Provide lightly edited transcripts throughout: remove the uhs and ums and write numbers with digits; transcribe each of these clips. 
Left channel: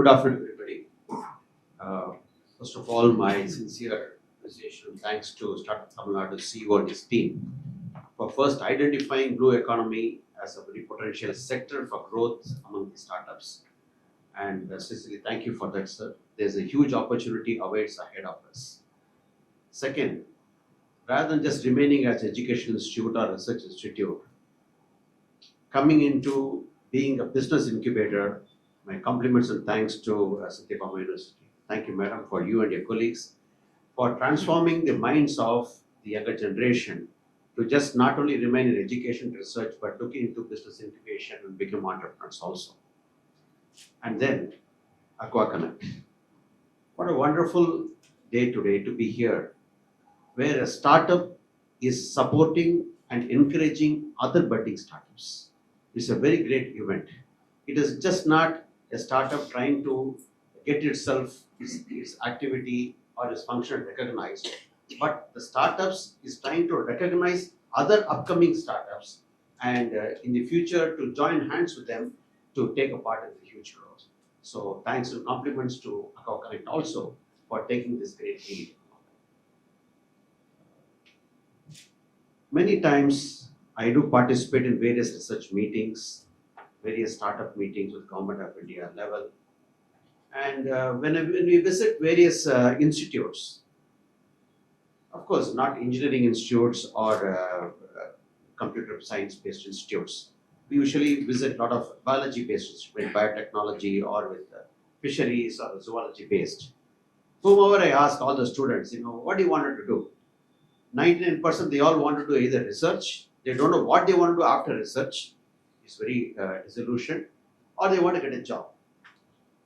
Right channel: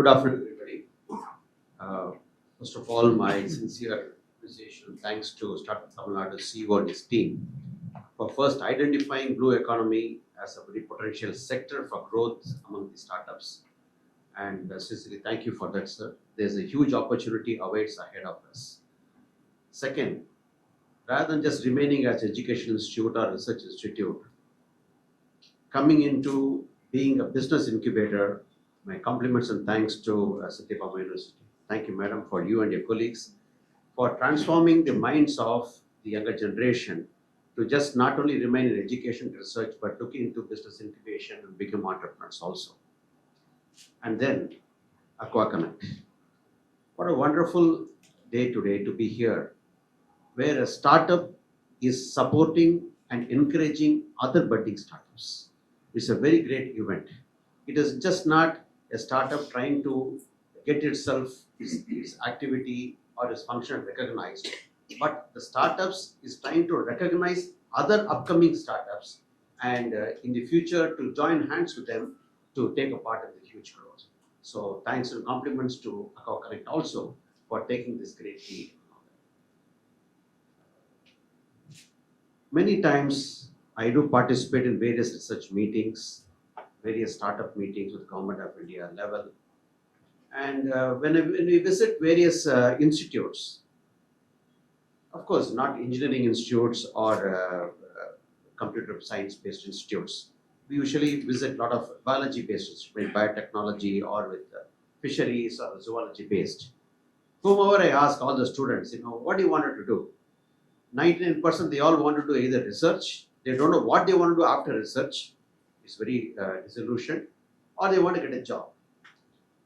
Good afternoon, everybody. Uh, First of all, my sincere appreciation and thanks to Startup Tamil Nadu CEO and his team for first identifying blue economy as a very potential sector for growth among the startups. And sincerely, thank you for that, sir. There's a huge opportunity awaits ahead of us. Second, rather than just remaining as education institute or research institute, coming into being a business incubator, my compliments and thanks to Satyabama University. Thank you, madam, for you and your colleagues for transforming the minds of the younger generation to just not only remain in education research but look into business incubation and become entrepreneurs also. And then Aqua Connect. What a wonderful day today to be here, where a startup is supporting and encouraging other budding startups. It's a very great event. It is just not a startup trying to get its activity or its function recognized, but the startups is trying to recognize other upcoming startups and in the future to join hands with them to take a part in the huge growth. So thanks and compliments to Aqua Connect also for taking this great lead. Many times I do participate in various research meetings, various startup meetings with Government of India level. And when we visit various institutes, of course, not engineering institutes or computer science based institutes, we usually visit a lot of biology based institutes, biotechnology or with fisheries or zoology based. Whomever I ask all the students, what do you want to do? 99% they all want to do either research, they don't know what they want to do after research, it's very disillusioned, or they want to get a job.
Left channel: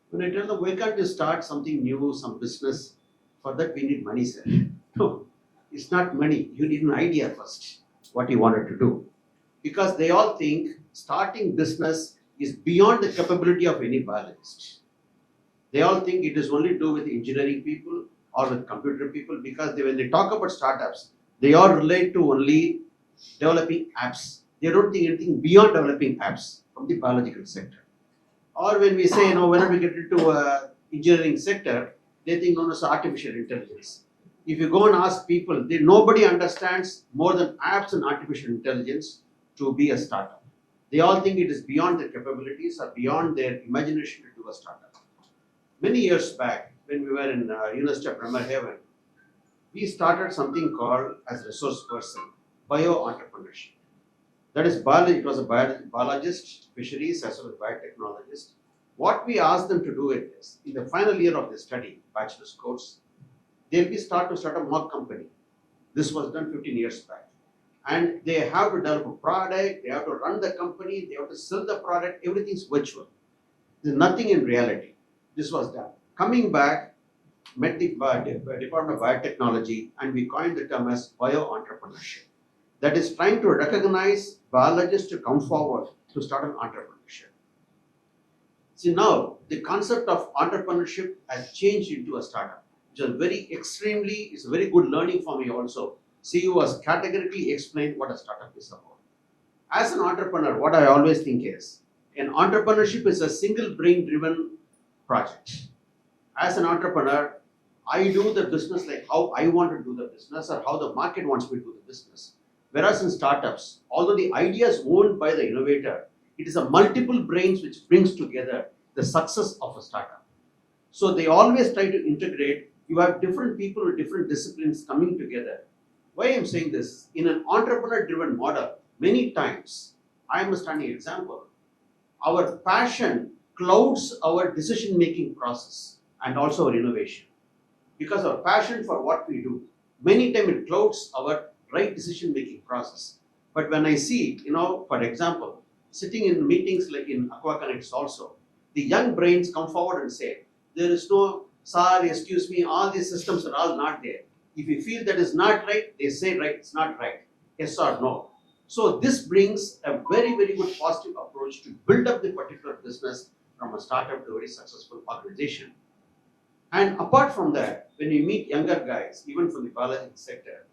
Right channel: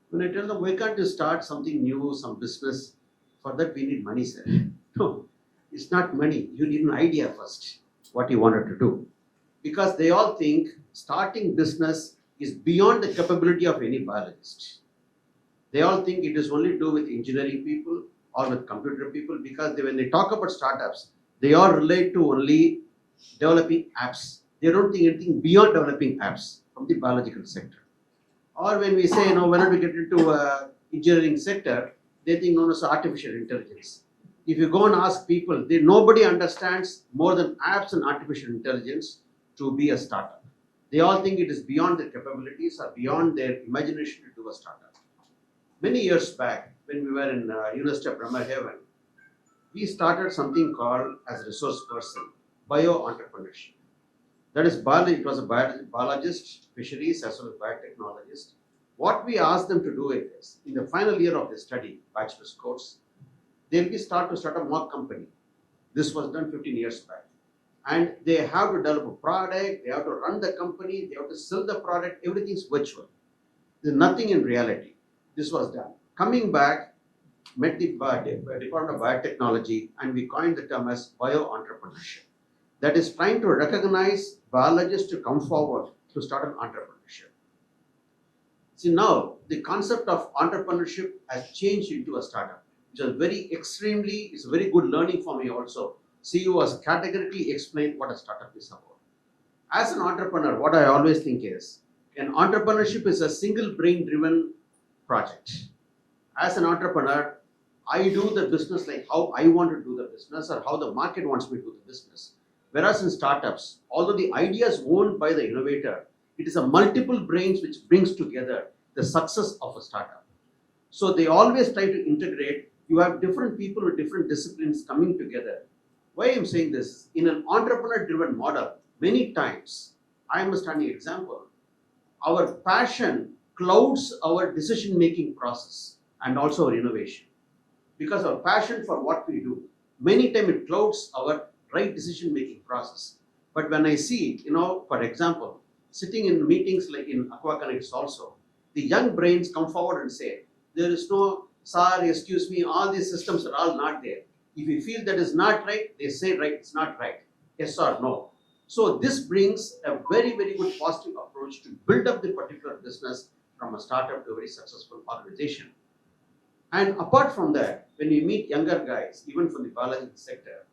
When I tell them, why can't you start something new, some business? For that we need money, sir. No, it's not money. You need an idea first, what you wanted to do. Because they all think starting business is beyond the capability of any biologist. They all think it is only to do with engineering people or with computer people, because when they talk about startups, they all relate to only developing apps. They don't think anything beyond developing apps from the biological sector. Or when we say, when we get into engineering sector, they think, no, it's artificial intelligence. If you go and ask people, nobody understands more than apps and artificial intelligence to be a startup. They all think it is beyond their capabilities or beyond their imagination to do a startup. Many years back, when we were in University of Bremerhaven, we started something called as resource person, bio-entrepreneurship. That is, it was a biologist, fisheries as well as biotechnologist. What we asked them to do is, in the final year of the study, bachelor's course, they'll start a mock company. This was done 15 years back. And they have to develop a product, they have to run the company, they have to sell the product, everything's virtual. There's nothing in reality. This was done. Coming back, met the Department of Biotechnology, and we coined the term as bio-entrepreneurship. That is trying to recognize biologists to come forward to start an entrepreneurship. See, now the concept of entrepreneurship has changed into a startup, which is it's a very good learning for me also. CEO has categorically explained what a startup is about. As an entrepreneur, what I always think is, an entrepreneurship is a single brain driven project. As an entrepreneur, I do the business like how I want to do the business or how the market wants me to do the business. Whereas in startups, although the idea is owned by the innovator, it is a multiple brains which brings together the success of a startup. So they always try to integrate. You have different people with different disciplines coming together. Why I'm saying this, in an entrepreneur-driven model, many times, I am a standing example, our passion clouds our decision-making process and also our innovation. Because our passion for what we do, many times it clouds our right decision-making process. But when I see, for example, sitting in meetings like in Aqua Connects also, the young brains come forward and say, there is no, sir, excuse me, all these systems are all not there. If you feel that is not right, they say right, it's not right, yes or no. So this brings a very, very good positive approach to build up the particular business from a startup to a very successful organization. And apart from that, when you meet younger guys, even from the biological sector,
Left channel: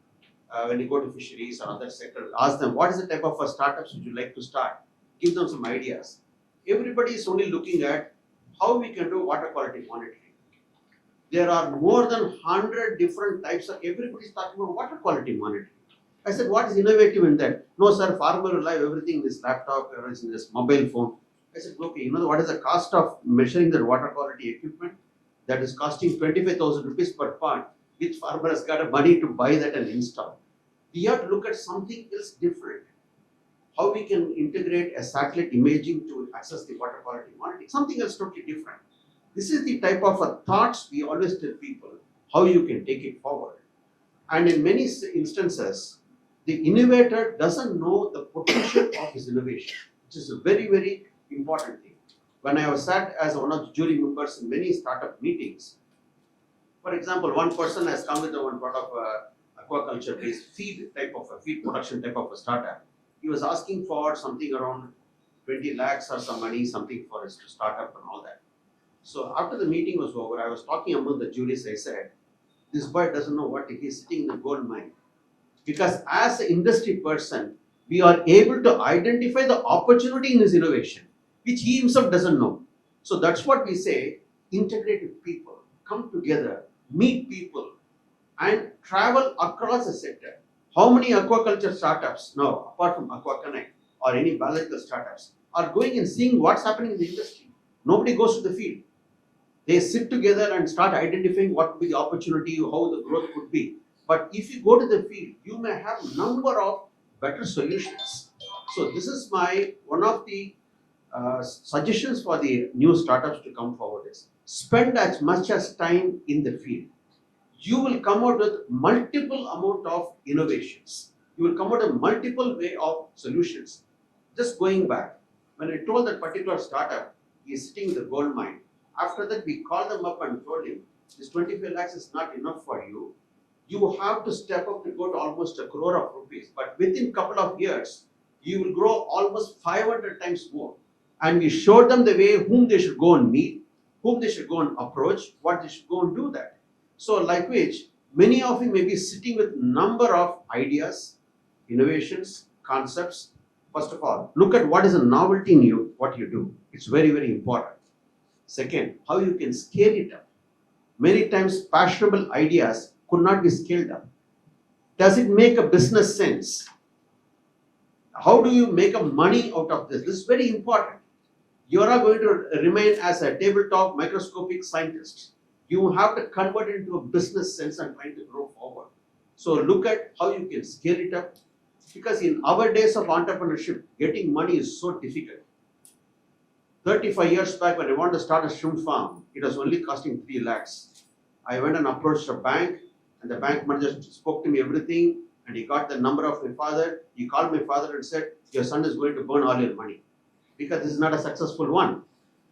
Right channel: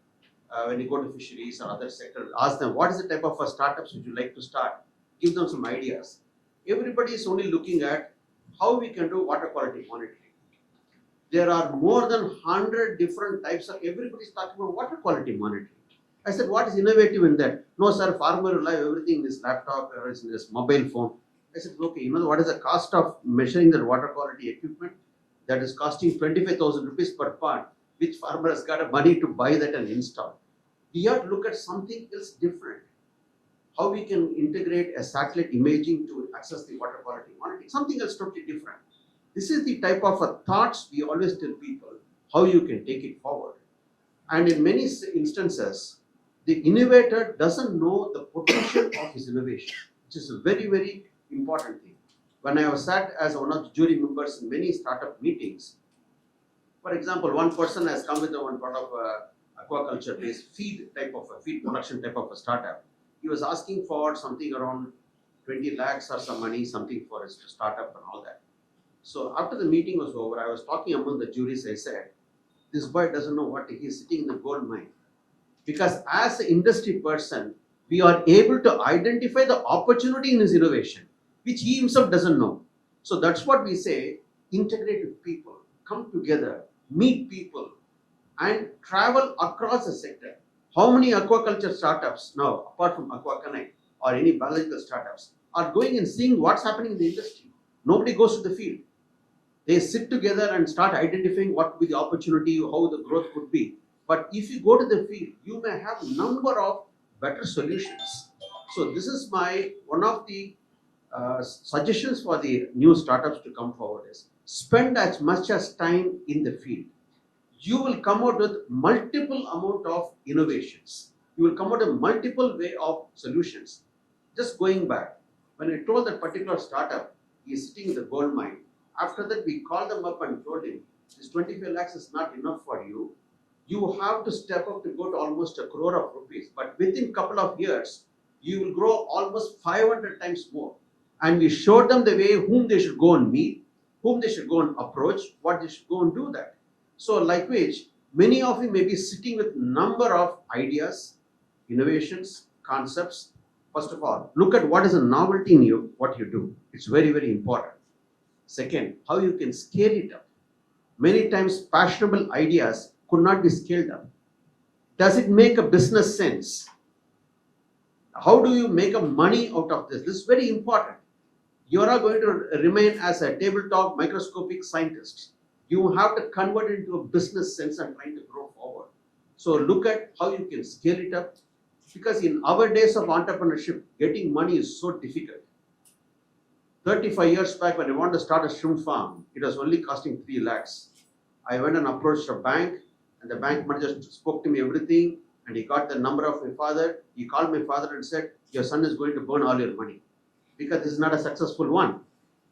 when you go to fisheries or other sector, ask them, what is the type of startups would you like to start? Give them some ideas. Everybody is only looking at how we can do water quality monitoring. There are more than 100 different types of, everybody's talking about water quality monitoring. I said, what is innovative in that? No, sir, farmer will have everything in this laptop or in this mobile phone. I said, okay, you know what is the cost of measuring the water quality equipment? That is costing 25,000 rupees per part. Which farmer has got money to buy that and install? We have to look at something else different. How we can integrate a satellite imaging to access the water quality monitoring, something else totally different. This is the type of thoughts we always tell people, how you can take it forward. And in many instances, the innovator doesn't know the potential of his innovation, which is a very, very important thing. When I was sat as one of the jury members in many startup meetings, for example, one person has come with one part of aquaculture-based feed production type of a startup. He was asking for something around 20 lakhs or some money, something for his startup and all that. So after the meeting was over, I was talking among the juries. I said, this boy doesn't know what he's sitting in the gold mine. Because as an industry person, we are able to identify the opportunity in his innovation, which he himself doesn't know. So that's what we say, integrate with people, come together, meet people, and travel across the sector. How many aquaculture startups now, apart from AquaConnect or any biological startups, are going and seeing what's happening in the industry? Nobody goes to the field. They sit together and start identifying what could be the opportunity, how the growth could be. But if you go to the field, you may have a number of better solutions. So this is one of the suggestions for the new startups to come forward is spend as much as time in the field. You will come out with multiple amount of innovations. You will come out with multiple way of solutions. Just going back, when I told that particular startup, he is sitting in the gold mine. After that, we called them up and told him, this 25 lakhs is not enough for you. You have to step up to go to almost 1 crore of rupees. But within a couple of years, you will grow almost 500 times more. And we showed them the way whom they should go and meet, whom they should go and approach, what they should go and do that. So like which, many of you may be sitting with number of ideas, innovations, concepts. First of all, look at what is a novelty in you, what you do. It's very, very important. Second, how you can scale it up. Many times, fashionable ideas could not be scaled up. Does it make a business sense? How do you make a money out of this? This is very important. You are not going to remain as a tabletop microscopic scientist. You have to convert it into a business sense and try to grow forward. So look at how you can scale it up. Because in our days of entrepreneurship, getting money is so difficult. 35 years back, when I wanted to start a shrimp farm, it was only costing 3 lakhs. I went and approached a bank, and the bank manager spoke to me everything, and he got the number of my father. He called my father and said, your son is going to burn all your money because this is not a successful one.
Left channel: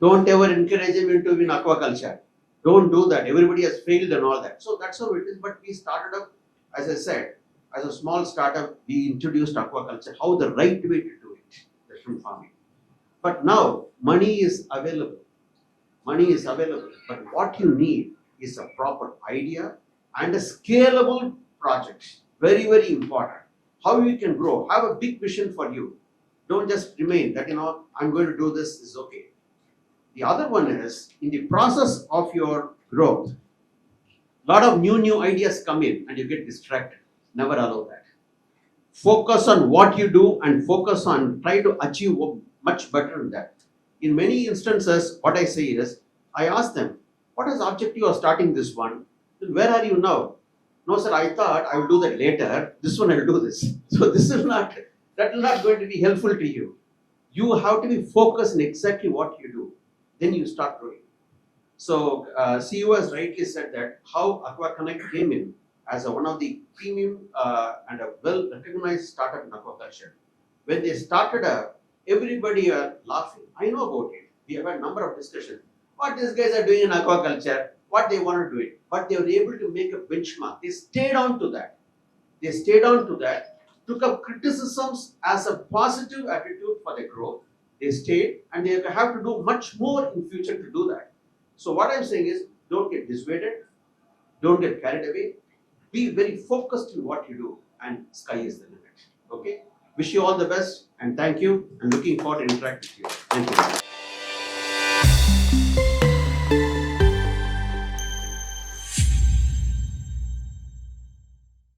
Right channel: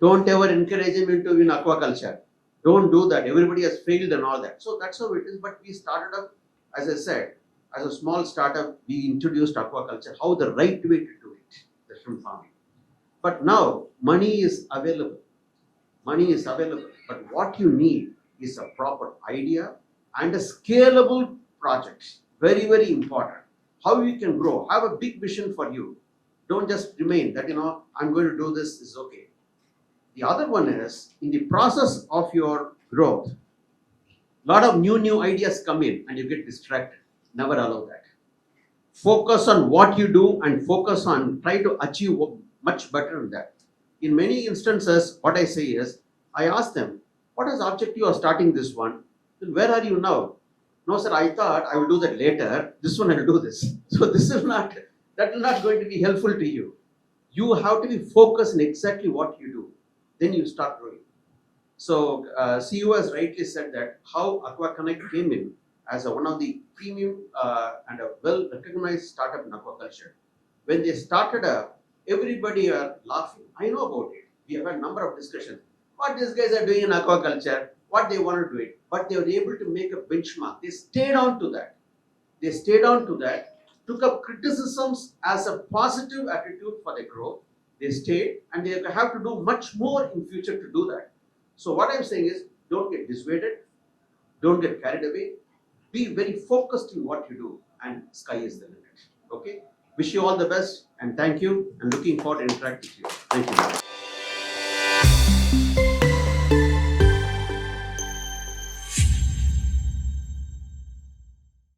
Don't ever encourage him into in aquaculture. Don't do that. Everybody has failed and all that. So that's how it is. But we started up, as I said, as a small startup, we introduced aquaculture, how the right way to do it, the shrimp farming. But now, money is available. Money is available. But what you need is a proper idea and a scalable project. Very, very important. How you can grow. Have a big vision for you. Don't just remain that, I'm going to do this is okay. The other one is, in the process of your growth, a lot of new ideas come in and you get distracted. Never allow that. Focus on what you do and focus on try to achieve much better than that. In many instances, what I say is, I ask them, what is the objective of starting this one? Then where are you now? No, sir, I thought I will do that later. This one I will do this. So that will not going to be helpful to you. You have to be focused on exactly what you do. Then you start growing. So CEO has rightly said that how AquaConnect came in as one of the premium and a well-recognized startup in aquaculture. When they started everybody were laughing. I know about it. We have had a number of discussions. What these guys are doing in aquaculture, what they want to do it. But they were able to make a benchmark. They stayed on to that. They stayed on to that, took up criticisms as a positive attitude for their growth. They stayed and they have to do much more in future to do that. So what I'm saying is, don't get dissuaded, don't get carried away, be very focused in what you do and sky is the limit. Okay? Wish you all the best and thank you and looking forward to interacting with you. Thank you.